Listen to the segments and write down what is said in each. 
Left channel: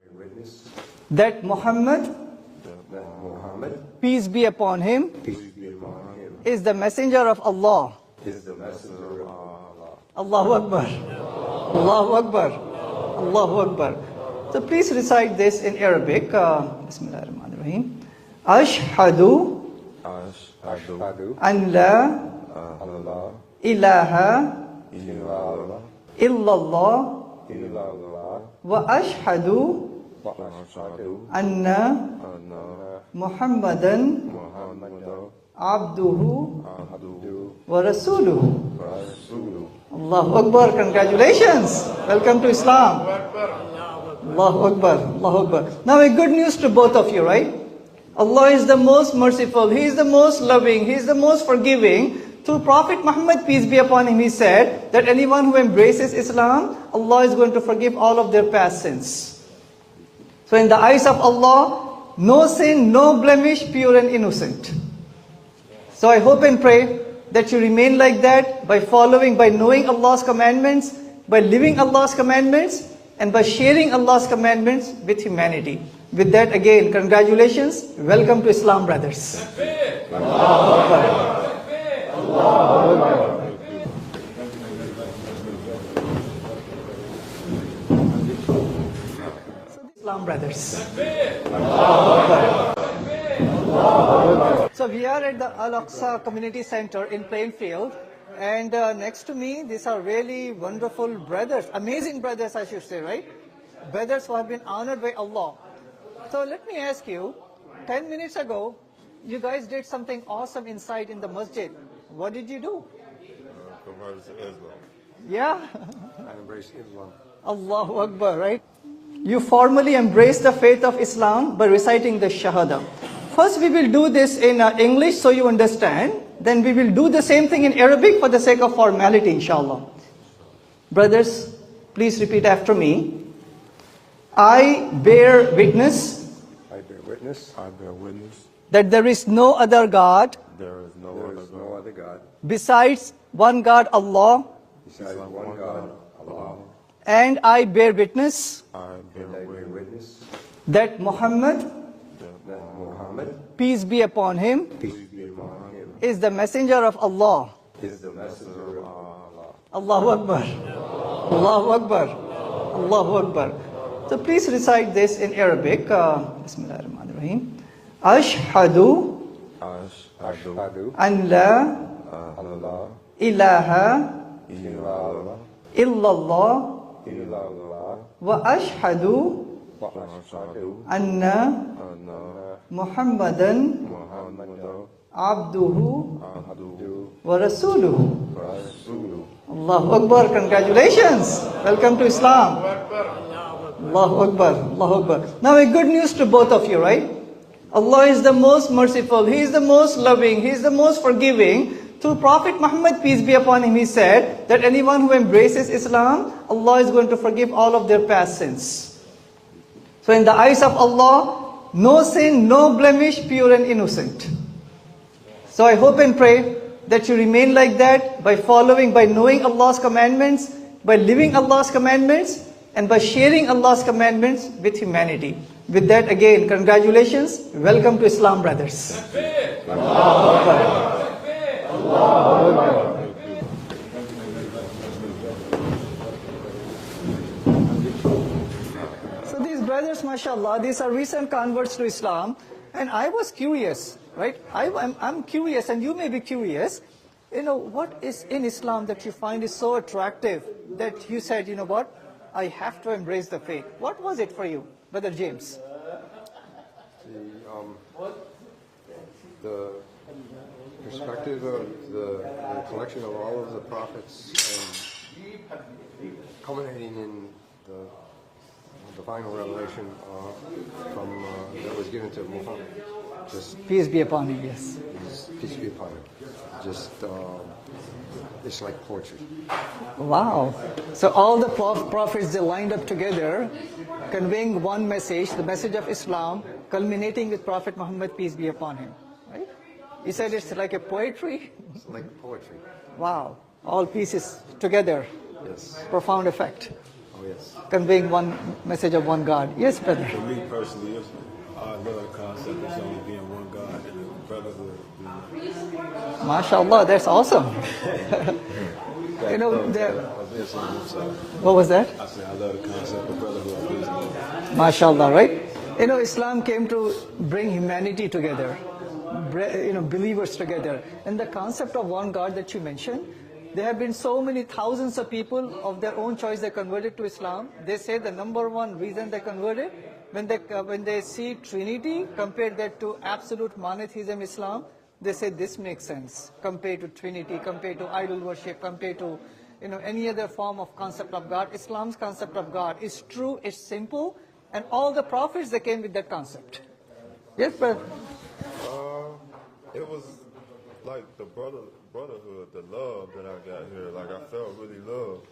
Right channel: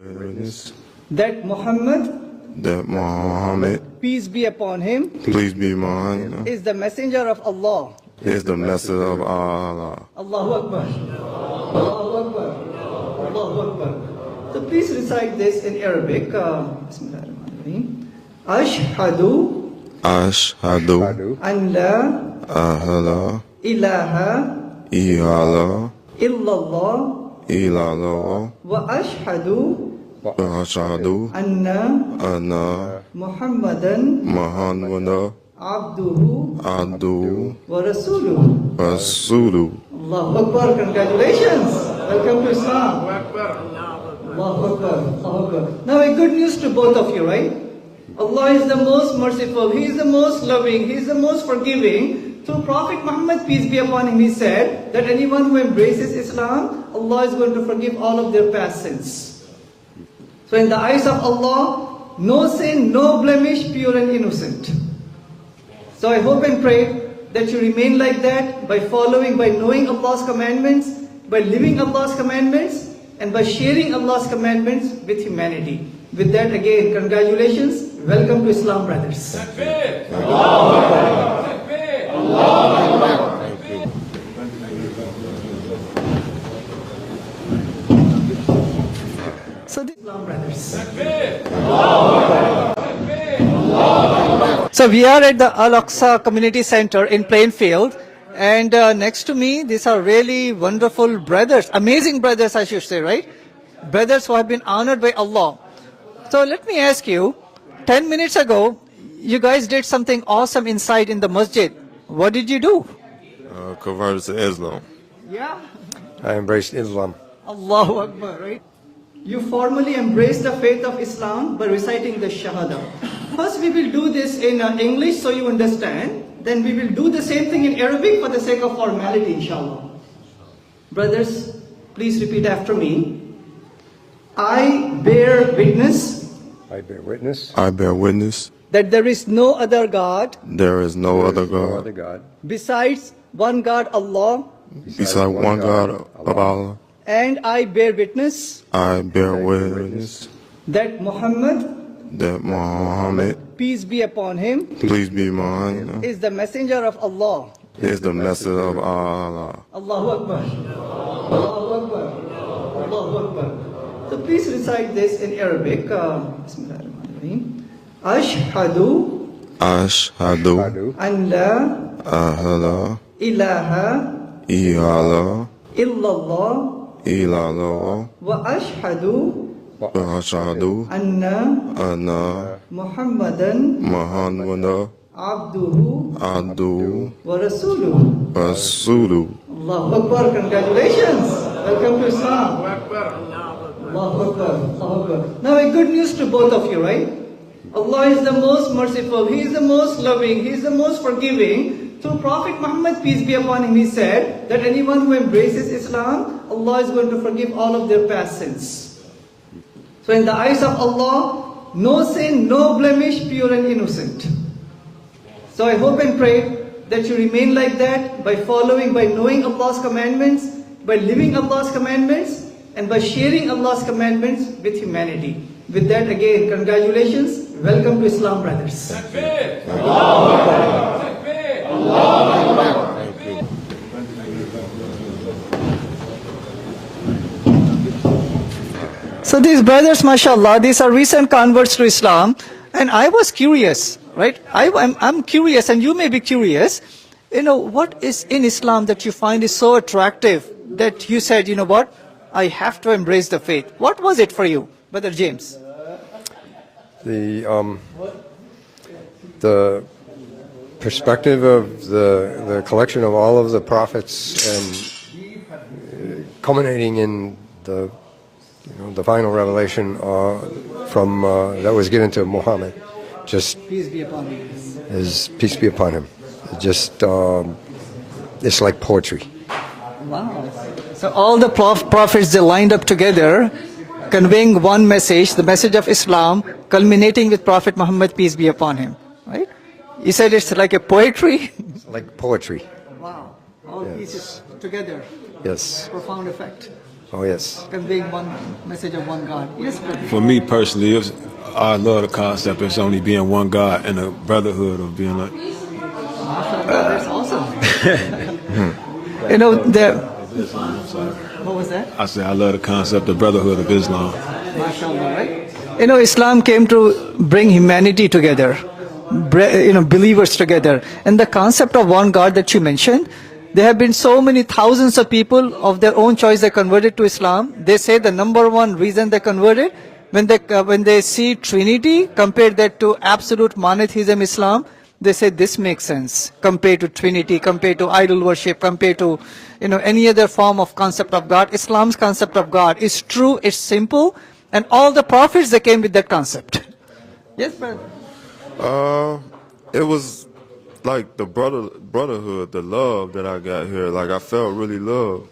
Witness that Muhammad, that Muhammad, peace be upon him, please be mine, is the messenger of Allah. is the message of Allah. Allahu Akbar. Allahu Akbar. Allahu Akbar. So please recite this in Arabic. Bismillahirrahmanirrahim. Ashhadu Ashhadu an la ahla ilaha illallah illallah illallah wa ashhadu wa ashhadu anna anna Muhammadan Muhammadan abduhu abduhu wa rasuluhu. rasuluhu. Allahu Akbar. Congratulations. Welcome to Islam. Allahu Akbar. Allahu Akbar. Now a good news to both of you, right? Allah is the most merciful. He is the most loving. He is the most forgiving. Through Prophet Muhammad, peace be upon him, he said that anyone who embraces Islam, Allah is going to forgive all of their past sins. So in the eyes of Allah, no sin, no blemish, pure and innocent. So I hope and pray that you remain like that by following, by knowing Allah's commandments, by living Allah's commandments, and by sharing Allah's commandments with humanity. With that, again, congratulations. Welcome to Islam, brothers. So, the Islam, brothers. So we are at the Al-Aqsa Community Center in Plainfield, and next to me, these are really wonderful brothers, amazing brothers, I should say, right? Brothers who have been honored by Allah. So let me ask you, 10 minutes ago, you guys did something awesome inside in the masjid. What did you do? Converted to Islam. Yeah. I embraced Islam. Allahu Akbar, right? You formally embrace the faith of Islam by reciting the Shahada. First, we will do this in English so you understand. Then we will do the same thing in Arabic for the sake of formality, inshallah. Brothers, please repeat after me. I bear witness I bear witness. I bear witness that there is no other God there is no other No other God God. besides one God, Allah, besides one God of Allah. and I bear witness I bear witness that Muhammad, that Muhammad, peace be upon him, please be mine, is the messenger of Allah. is the message of Allah. Allahu Akbar. Allahu Akbar. Allahu Akbar. So please recite this in Arabic. Bismillahirrahmanirrahim. Ashhadu Ashhadu an la ahla ilaha illallah illallah illallah wa ashhadu wa ashhadu anna anna Muhammadan Muhammadan abduhu abduhu wa rasuluhu. rasuluhu. Allahu Akbar. Congratulations. Welcome to Islam. Allahu Akbar. Allahu Akbar. Now a good news to both of you, right? Allah is the most merciful. He is the most loving. He is the most forgiving. Through Prophet Muhammad, peace be upon him, he said that anyone who embraces Islam, Allah is going to forgive all of their past sins. So in the eyes of Allah, no sin, no blemish, pure and innocent. So I hope and pray that you remain like that by following, by knowing Allah's commandments, by living Allah's commandments, and by sharing Allah's commandments with humanity. With that, again, congratulations. Welcome to Islam, brothers. So these brothers, mashallah, these are recent converts to Islam. And I was curious, right? I'm curious, and you may be curious. You know, what is in Islam that you find is so attractive that you said, you know what, I have to embrace the faith. What was it for you, Brother James? The perspective of the collection of all of the prophets and culminating in the final revelation from that was given to Muhammad. Just Peace be upon you. is peace be upon him. Just it's like poetry. Wow. So all the prophets, they lined up together, conveying one message, the message of Islam, culminating with Prophet Muhammad, peace be upon him. Right? You said it's like a poetry? Like poetry. Wow. All pieces together. Yes. Profound effect. Oh, yes. conveying one message of one God. Yes, brother. For me personally, I love the concept of only being one God and the brotherhood of being like. MashaAllah, that's awesome. You know, what was that? I say I love the concept of brotherhood of Islam. MashaAllah, right? You know, Islam came to bring humanity together, believers together. And the concept of one God that you mentioned, there have been so many thousands of people of their own choice that converted to Islam. They say the number one reason they converted, when they see Trinity, compare that to absolute monotheism Islam, they say this makes sense compared to Trinity, compared to idol worship, compared to any other form of concept of God. Islam's concept of God is true, it's simple, and all the prophets that came with that concept. Yes, brother. It was like the brotherhood, the love that I got here. Like I felt really loved.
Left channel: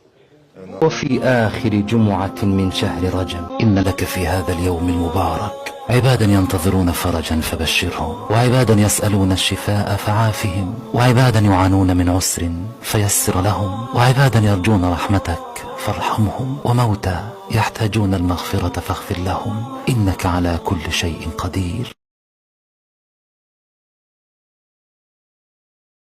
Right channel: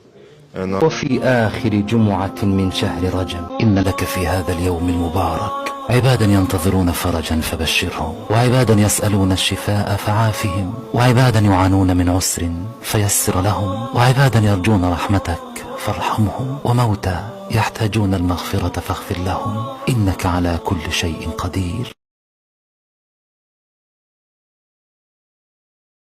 And وفي آخر جمعة من شهر رجب إن لك في هذا اليوم المبارك عبادا ينتظرون فرجا فبشرهم، وعبادا يسألون الشفاء فعافهم، وعبادا يعانون من عسر فيسر لهم، وعبادا يرجون رحمتك فارحمهم، وموتى يحتاجون المغفرة فاغفر لهم، إنك على كل شيء قدير.